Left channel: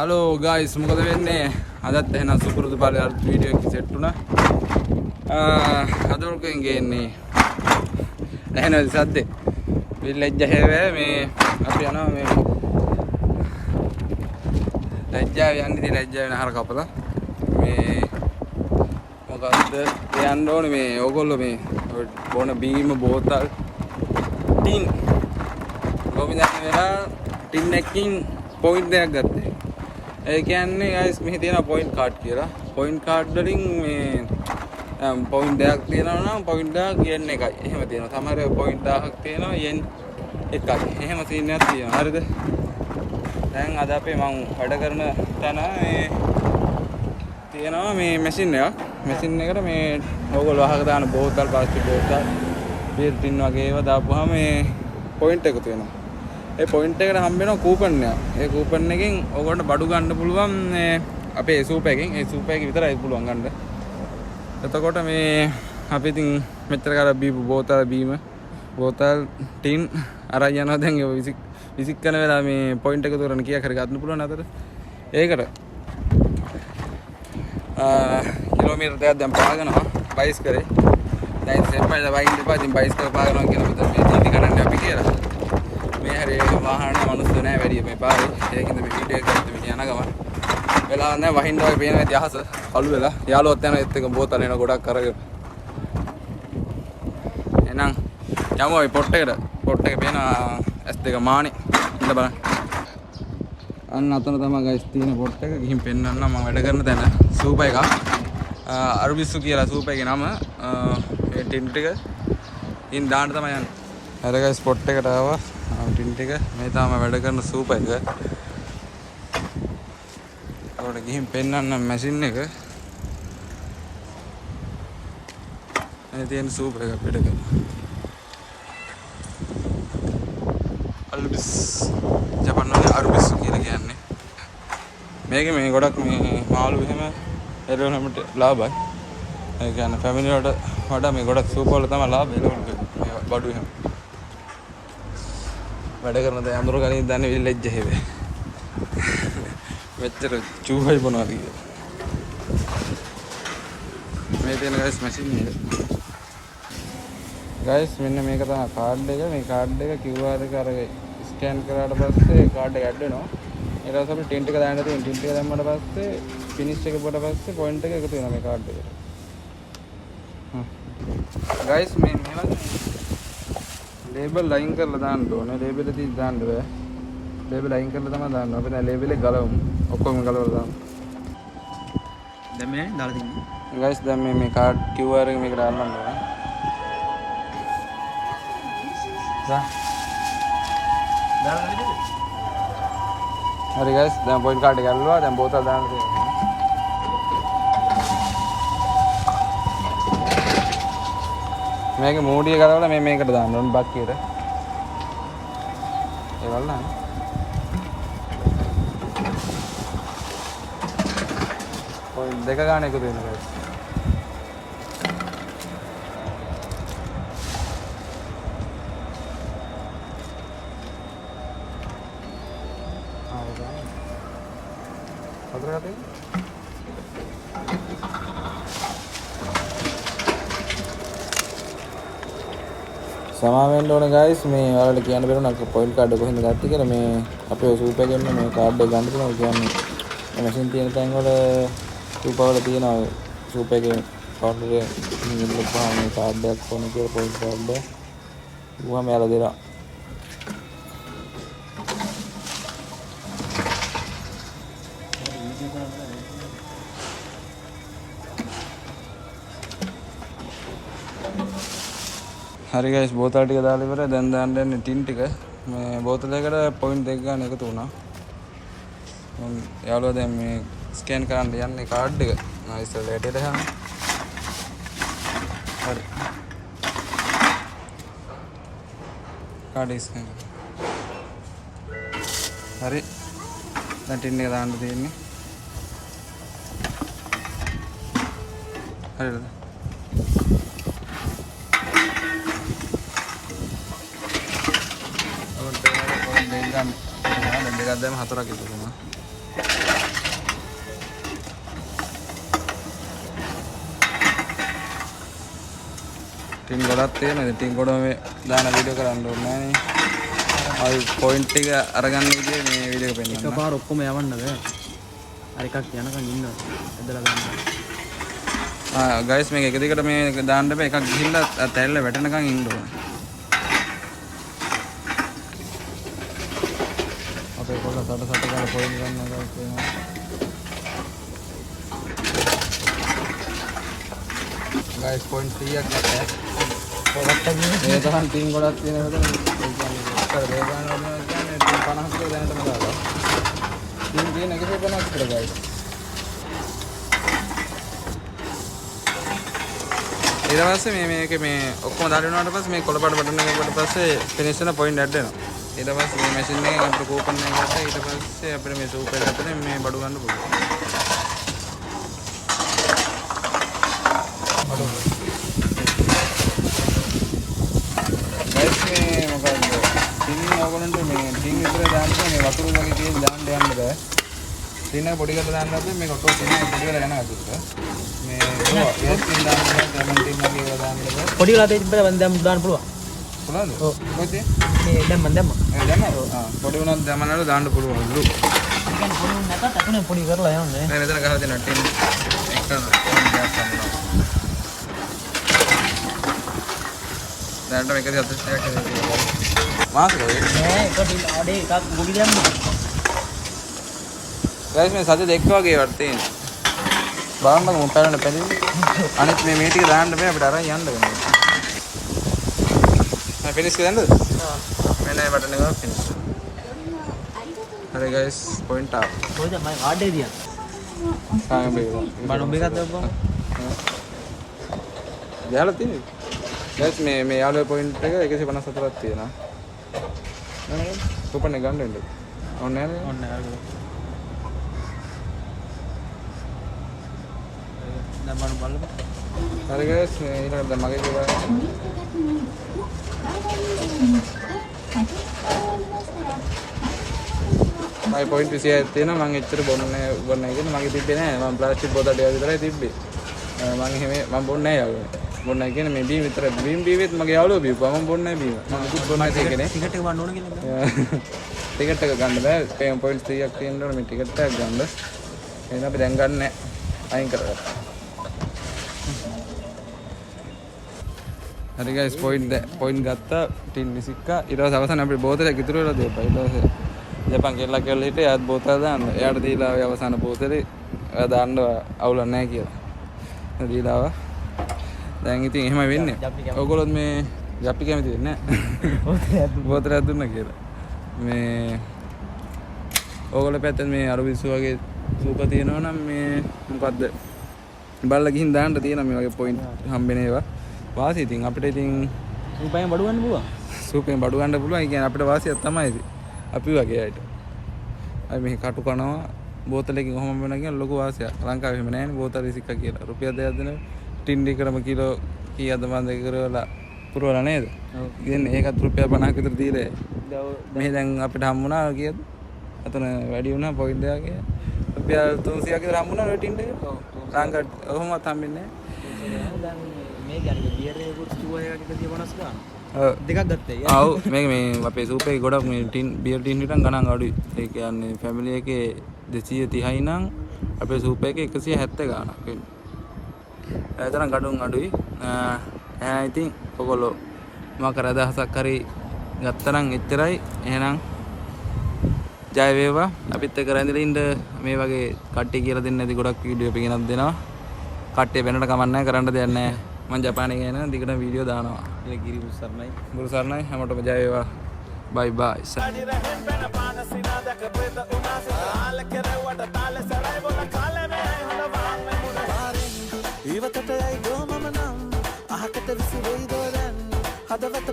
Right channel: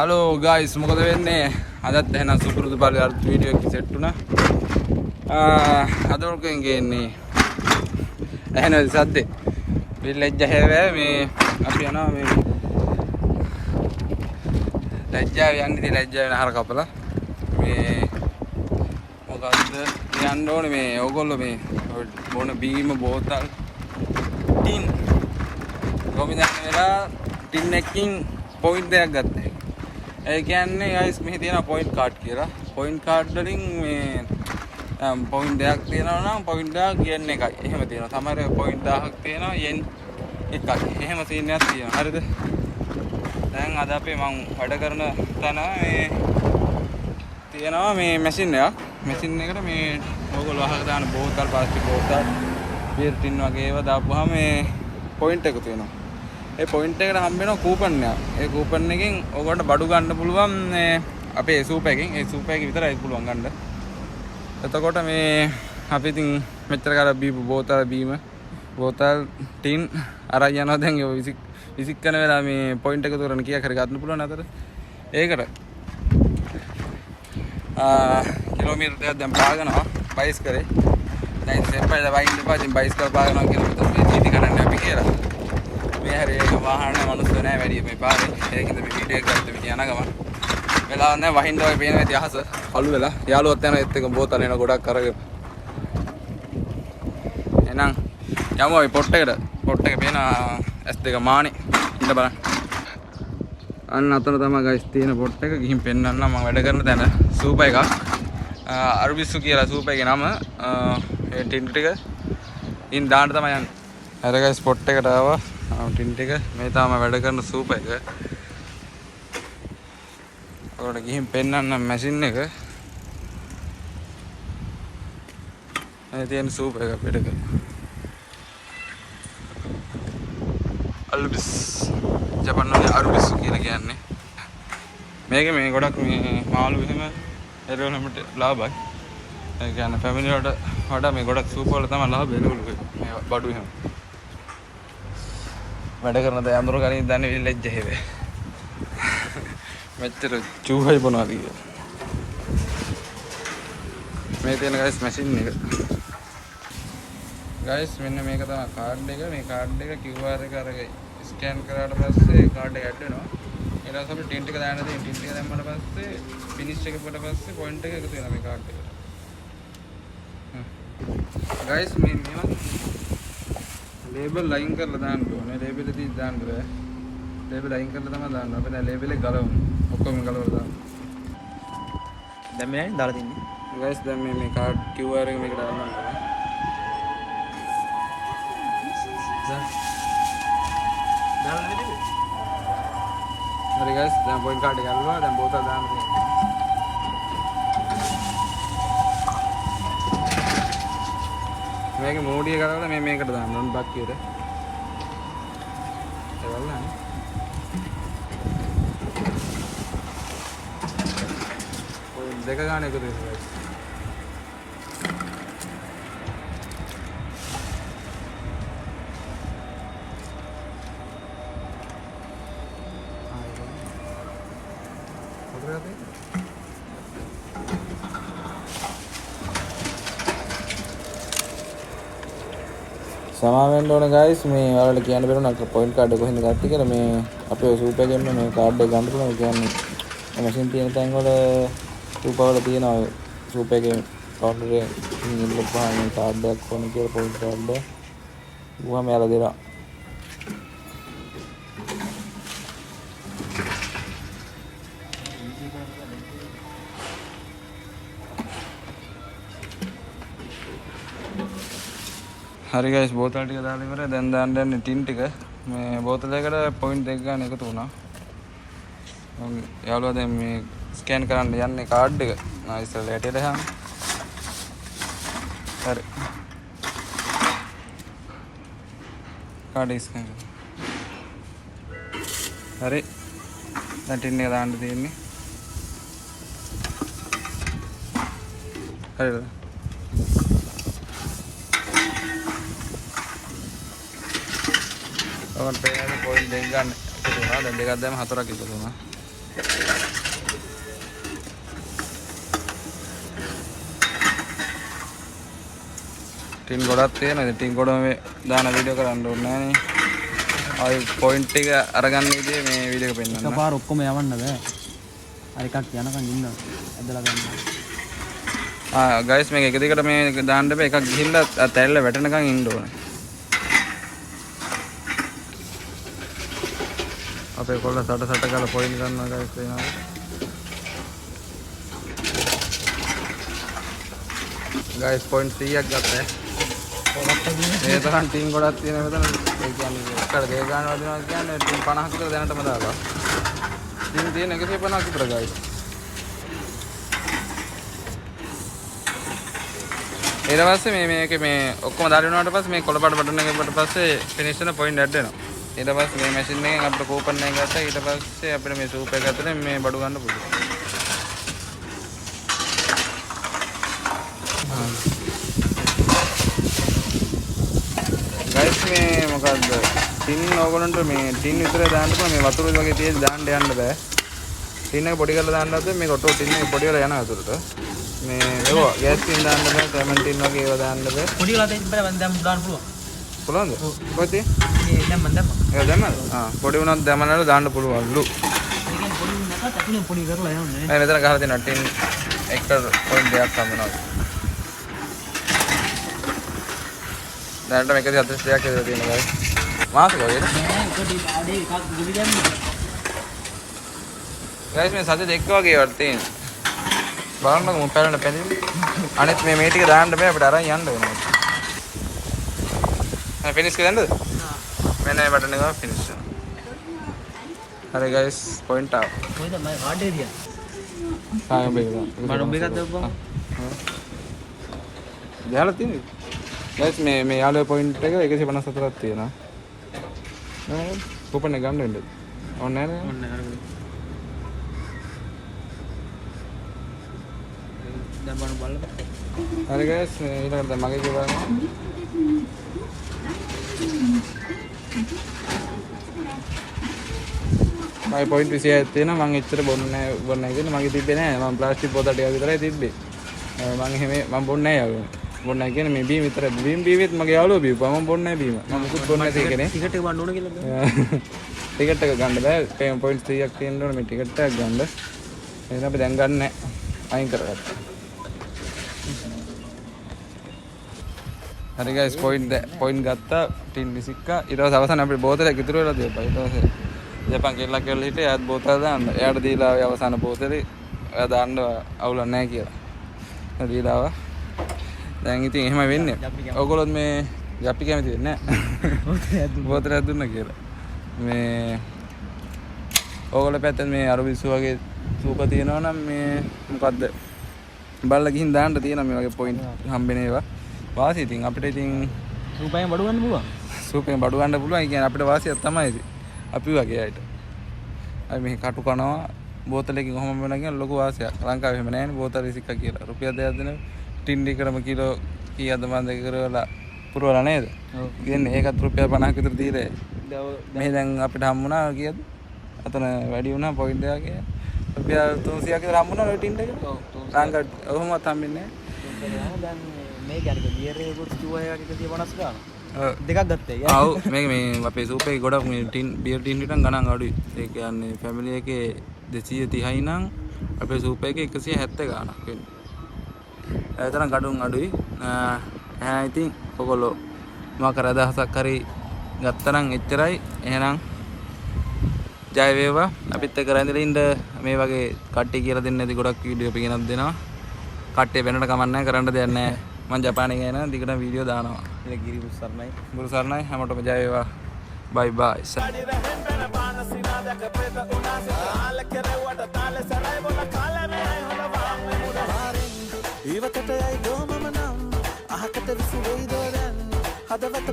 Hello guys මොකද වෙන්නේ අදත් එහෙනම් සුපුරුදු පරිදි අලුත් වීඩියෝ එකක් සෙට් වුණා. අද ඔල්කෙන් ගේන්නේ එහෙනම් සද්දේ විලෙජ්ජ හැවේ මේ අපි යනවා මේ ලැජ්ජාව යන්නේ ලැජ්ජාව වෙන හර කපලා මේ මොකද්ද කියන්න ඕනේ මේ ඕගොල්ලෝ මේ බොන බීම බෝතල් ටින් ගොමිදන්න වෙලා ටින් එකකින් පොයින්ට් එකක් ගත්තා. ඒ කියන්නේ guys මෙහි තියෙන පොයින්ට් කාඩ් කියලා. පොයින්ට් කාඩ් වලින් මේ පොයින්ට් එකක් තියෙනවා නම් පොයින්ට් එකක් yen එකයි. එහෙම තියෙනවා. සමහර පොයින්ට් 1000ක් තියෙනවා yen එකයි. එහෙම සීන් එකක් තියෙනවා. හරිද? දැන් අද අපි මම වැඩ කරන තැන මේ තියෙනවා මේ මැෂින් එකක්. මැෂින් එකට මේ ඕගොල්ලෝ අහක දාන බෝතල් ප්ලාස්ටික් බෝතල් බීර් ටින් වගේ ඒවා දාපුවාම මේ පොයින්ට් එකතු වෙනවා. ඒ පොයින්ට් එකට හම්බ වෙනවා කූපන් එකක්. ඒ කූපන් එකෙන් ඔයගොල්ලන්ට බඩු ගන්න පුළුවන් අපේ සූප් එකෙන්. ඒ සූප් එකේ විතරයි පුළුවන් ගන්න. එතකොට මේ අපි ඉතින් මෙච්චර කාලයක් බීපු බෝතල් බීම බෝතල් ටින් අරන් යනවා දැන් ඒ විසික් කරන වෙලාව මේ පොයින්ට් එක උතරන කීයක් හරි ගන්න පුළුවන් අතට. ඒකට කිලෝමීටර් දෙකක් දැන් පාගනවා බයිස් කරේ. දැන් සෙම්පයිලා වයින් දෙපා ඉතින් බයිස් කර පාගනවා කියන විතර මේ නීති කරන්නේ අපි කියලා. මේ හැරේ වාහන මිනිස්සු නැහැ වැඩි මේ පාරේ. ඒකින්ද මේ වීඩියෝ එක ගත්ත මේ යන ගම. වෙලාව නැහැ වහින්න වගේ පේන ඇති අහස අලු වෙලා. යාළුවත් යන ඒත් එක බෝතල් එන ගොඩක් අරගෙන. එහෙනම් යමු අපි පොට් එකට. පොට් එක පේන S2 මානේ. ඉන්න බලන්න. අන්න අතන තමයි ගයිස් තියෙන පොට් එක. ගිහින් පෙන්නන්න මම වැඩ කරන තැන. සූප එකක්. අරුබිස්සු කියලා සූප එකේ නම. ඒ ටින් ටික ඉන් දාන්න තමයි යන්නේ. හරි ගයිස් පොට් එකට ආවා. ටින් ටික මේ තමයි වැඩ කරන සූප එක. අරකට ගිහින් පෙන්නන්න මැෂින් එක. මේ තියෙන සූප එක පිට කරන. අල්බිස් ජපාන් වල අරුබිස් කියලා කියන්නේ. මේකේ මේ ගොඩක් මේ මාළු එහෙම එරවල හැමට ලාභයි. ඒ කියන්නේ ෆැමිලි වලට වඩා මේ ගොඩක් සූප වල තමයි ලාභ එළවලු මේ බඩු එහෙම. වැඩ කරන දේ අඳුර ගනින් දන්නේ විලෙජ් හැවේ. මෙච්චර චූහයි බොනවාද කියලා. මේ තියෙන ගයිස් මැෂින් එක. ගයිස් මෙන්න මේක තමයි කාඩ් එක. මේ කාඩ් එක QR එක අරගෙන ස්කෑන් කරාට පස්සේ කාඩ් එක ඇඩ් වෙනවා. ඊට පස්සේ අපි ටින් ටික දාන්න තියෙන ටින් ටික දැම්මම පස්සේ ෆිනිෂ් එක පොඩ පස්සේ පොයින්ට් එක එකතු වෙනවා මේ කාඩ් එකට. ගයිස් මේ මේවා ලේබල් ලයින් කරලා දාන්න ඕනේ. ලේබල් එක තියලා දාන්න බෑ. ලේබල් ලයින් කරලා තමයි දාන්න. අපි නෑ ලේබල් එක ගලවමු. ඔක්කොම ගලවලා දාමු. දැන් මේ දාලා තින්නේ. ගයිස් දැන් මේ කාඩ් QR එක මේක දාන්න ඕනේ. දාලා නේද? හරි ගයිස් දැන් පොයින්ට් කාඩ් එක ගලවලා දැන් බෝතල් දාන්න තියෙනවා. මේකේ මූඩිය ගලවලා මේ මේකට දාන්න ඕනේ බක්කියට. ඒ වල්ලන්නේ. පොයින්ට් දෙක ගන්න එකතු වෙනවා. සමාවෙන්න ඕන ගයිස් මේ ඔයාලට කියන්න බැරුණා පොයින්ට් කාඩ් එක කොහෙන්ද ගත්තේ කියලා. මේ අපේ සූප් එකෙන්ම මේ කාඩ් එක ගන්න පුළුවන්. කියන්නේ මේ මැෂින් තියෙන තැන් වල සූප වල තියෙනවා සූප එකේ කවුන්ටර් එකේ ඉන්නපුවාම මේ කාඩ් එකක් ඕනේ කියලා පොයින්ට් කාඩ් එක. ඌවම යාලා දෙනවා. හරි ගයිස් බෝතල් ටික දාලා ඉවරයි. දැන් දාන්න යන්නේ ටින් ටික. මේ බෝතල් එකට පොයින්ට් දෙක ගන්න එකතු වුණා. යාළුවා දැන් මේ ස්කෑන් කරන්න යන්නේ කාඩ් එක. ඉස්සෙල්ලා ඇටේට යන්න. හරි. කාඩ් එක ස්කෑන් කරන්න. හරි. දැන් ටින් එක දාන්න තියෙන්නේ. හරිද? ඔකට පේන්නේ පොයින්ට් දෙක ගන්න එකතු වුණා. දැන් දෙකක් දැම්ම හතරක් එකතු වුණා. ටින් ගොඩක් තියෙනවා. ඉතින් ටින් ගොඩ මේ දාන වීඩියෝ කරන්න ඕනේ නෑනේ. ආයි පොයින්ට් ටික අරගන්න විදිහේ මේ වීඩියෝ එක පෙන්නන්න. එකපාර ඔක්කොම යවන්න බෑ. අර එකක් යනකම් ඉන්න එදලා ගන්න. ගයිස් මේක එක දිගට මේ දාන්න බෑ. එකක් ගිහිල්ලා තැල්ල වැටෙනකන් ඉන්න ඕනේ. අපේ කොල්ල සට කාලා පොයින්ට් ගන්නවා ගයිස් එනවා. ගයිස් පොයින්ට් 100ක් ගත්තා. මේ තරම් ටින් ගොඩක් තියෙන මෙතන ඒ කියන්නේ එක්කර දෙක ගන්නවා දෙනවා කියන්නේ ටින් 50 විතර දැනටම දාලා. ටින් තියෙන 150ක් විතර ගයිස්. ඊට පස්සේ මේක මේ ඔක්කොම දාලා වුණාට පස්සේ මේ කොළපාට බටන් එක කොට පස්සේ ෆිනිෂ් වෙන පොයින්ට් ඇඩ් වෙනවා. ඊට පස්සේ මේ මැෂින් එකෙන් අපිට කූපන් එක ගත්තා. ඊට පස්සේ අපිට මේ සූප් එක ඇතුලේ මේ බඩු ගන්න පුළුවන්. ගයිස් මේ මොකද්ද? ටින් ඕගොල්ලන්ට මේ ටින් විතර දාන්න මේ වතුර වගේ තියෙන දාන්න යන්න බෑ. ටින් එක පොඩි කරලා දාන්නත් මේ ඔටෝ ටින් එක පොඩි කරලා යනවා අතුරට. මේ ඒවා ගෑස් ටින් දාන්න බෑ, කැමන් ටින් වගේ ඒවා දාන්න බෑ. පොඩි කරලා තිබ්බම දැන් දාන්න පුළුවන්. පුළුවන්ද? ඔව්. කොහෙද? මේ දැම්ම. ඒ දැම්මද? පොඩි වුණත් දැම්මනවල දාන්න පුළුවන්ලු. ඒ කියන්නේ පොඩි වුණ නැතත් අකුණේ පොඩි කරලා යන්නේ. මේ මෙතන ගහලා තියෙනවා ටින් එක පොයින්ට් එකක් හම්බෙනවා. දැනට මේක 40ක් ඇදලා තියෙනවා ගයි. මාසෙක වගේ. නෑ ඒක අඩේ එකක් ගුලි දැම්ම. ගයිස් මේ සද්ද දෙක වගේ වත් තියෙනවා. බලන්නකො මොකක් කරන්න පැලින්නේ. අනිත් මේ ටික දාන්න බෑ අපිට අරන් යන්න වෙනවා. හරි ෆිනිෂ් කරන්නද? මෙන්න මේ බටන් එක ෆිනිෂ් කරනවා. හරි ගයිස් පොයින්ට් ආව. කොහෙද මම ආඩේ දියන්. මම ඔබ එකක් දැම්මම. ගහලා තියෙන්නේ. ගයිස් මේ යාළුවේ පොයින්ට් එක 154ක් තියෙනවා. කූපන් එක ගන්න වෙන්නේ. ඕනේ නේද? ඔන්න අරගෙන. දැන් බලන්න. හරි ගයිස් ඊළඟට දැන් මගේ කියලා මගේ පොයින්ට් 26ක් තියෙනවා. මම එච්චර බොන්නේ නැහැ මගේ තිබ්බේ නැහැ. මම ප්ලාස්ටික් බෝතල් ටික විතරයි තිබ්බේ. මම බොන්නේ නැහැ යාළුවා. බොන්නේ කියන්නේ මේ බීම් විතර බීමෙත් මගේ යාළුවා බීපුවා. මම බොන්නේ නැහැ බීම. මම බොන්නේ නැහැ ටිකට් එක ගන්න ඕන කියලා බෑ. ටිකට් එක ගන්න බෑ. පොයින්ට් 30ක් තියෙනවා මේ ටිකට් එක ගන්න. එහෙනම් අපි දැන් ගන්න නැහැ. අයින් කරගත්තා. හරි ගයිස් පොයින්ට් ගත්තා ටින් 21ක්. ඊට පස්සේ අවසාන අපේ බෝතලයක් ඉතුරු වෙලා තියපා. ඊට පස්සේ ජපන් කෙල්ලක් කියලා හිටියා. එයාත් බෝතල දාන්න. එයාට දීලා ආවේ අවසාන බෝතලේ. එයා දාන්න අවුලක් නැහැ කියලා. දීලා ආවා. දැන් ඉතින් එහෙම වෙන්නේ. ඔයගොල්ලොත් මේ ජප්පි කැමති වෙන්නේ නැහැ. බෝතලයක් දුන්නා කියලා. මේ ඔයගොල්ලෝ පැත්තෙන් මේ අර විශ්ව වගේ සූප තියෙනවා නම් මේ මොකද්ද? බලලා ගිහින් දාන්න තියෙනවා මේ වගේ පොයින්ට් හම්බෙන ඒවා. වාසිය ඉතින් අපිට ඉතින් රූපයෙන් බඩු ගන්න පුළුවන්. සූපෙන් බඩු ගන්න පුළුවන්. ඒ කියන්නේ අපිට වාසියක් තමයි ඉතින්. අපි වගේ අයට. අපි මේ කටු කනවා බෝතලයකින් කොහොම වෙනවා කියන ලොකු වාසියක්. ලංකාවේ එහෙම නැහැ නේ බෝතල 21ක් කියලා. රුපියල් 2ක් දෙන ටින් ලිකරම කිලෝ කීයද මන් දෙක කරවලා පුරවලා නේද? කියන්නේ ඒකත් රුපියල් 50ක් විතර දීලා. මේ දැන් අපිට හම්බුණා කීයද? අතන වැඩි වුණා පොයින්ට් එකක්. රුපියල් 300ක් විතර හම්බුණා ඔය ටින් එක. ලංකාවට ඔහොමවත් හම්බෙන්නේ නැහැ. මේ කියන්නේ බියර් එකකුත් කිව්වා ඒකට 150 ගන්න. ඔව් දෙකක් ගත්තා ඒක. ඔව් මේ අපේ සූප් එකේ ගොඩක් මේ ටින් බියර් ටින් හිටන් ගණන් අඩුයි. ඒ කියන්නේ ෆැමිලි එකේ 230යි නම් අපේ සූප් එකේ 170 ගාණක් වෙන්නේ. ඒ තරම් ගඩොන් අඩුයි. ඉතින් ඔයගොල්ලෝ මොකක් කර අදහසක් හරි ගත්තා නම් එච්චරයි. එහෙනම් ජය වේවා. අපිත් එක්ක රැඳිලා ඉන්න මේ වගේ කට්ටිය කියලා දෙන්නේ නැති ගොඩක් වීඩියෝ අපි ගෙනත් දෙනවා. කට්ටිය වෙනට කමක් නැහැ කරන්න දෙයක් නැහැ. මම ජපානයේ ගියා නම් දිගටම වීඩියෝ දානවා. ඒ ගිරි සර්ණයි. ගුරු සර්ණයි හැමෝටම ජය වේවා. බයි බයි. ඉවකට යයි ගෝ මම නම් අහකට විසි වෙයි දෝ දැන් හදවත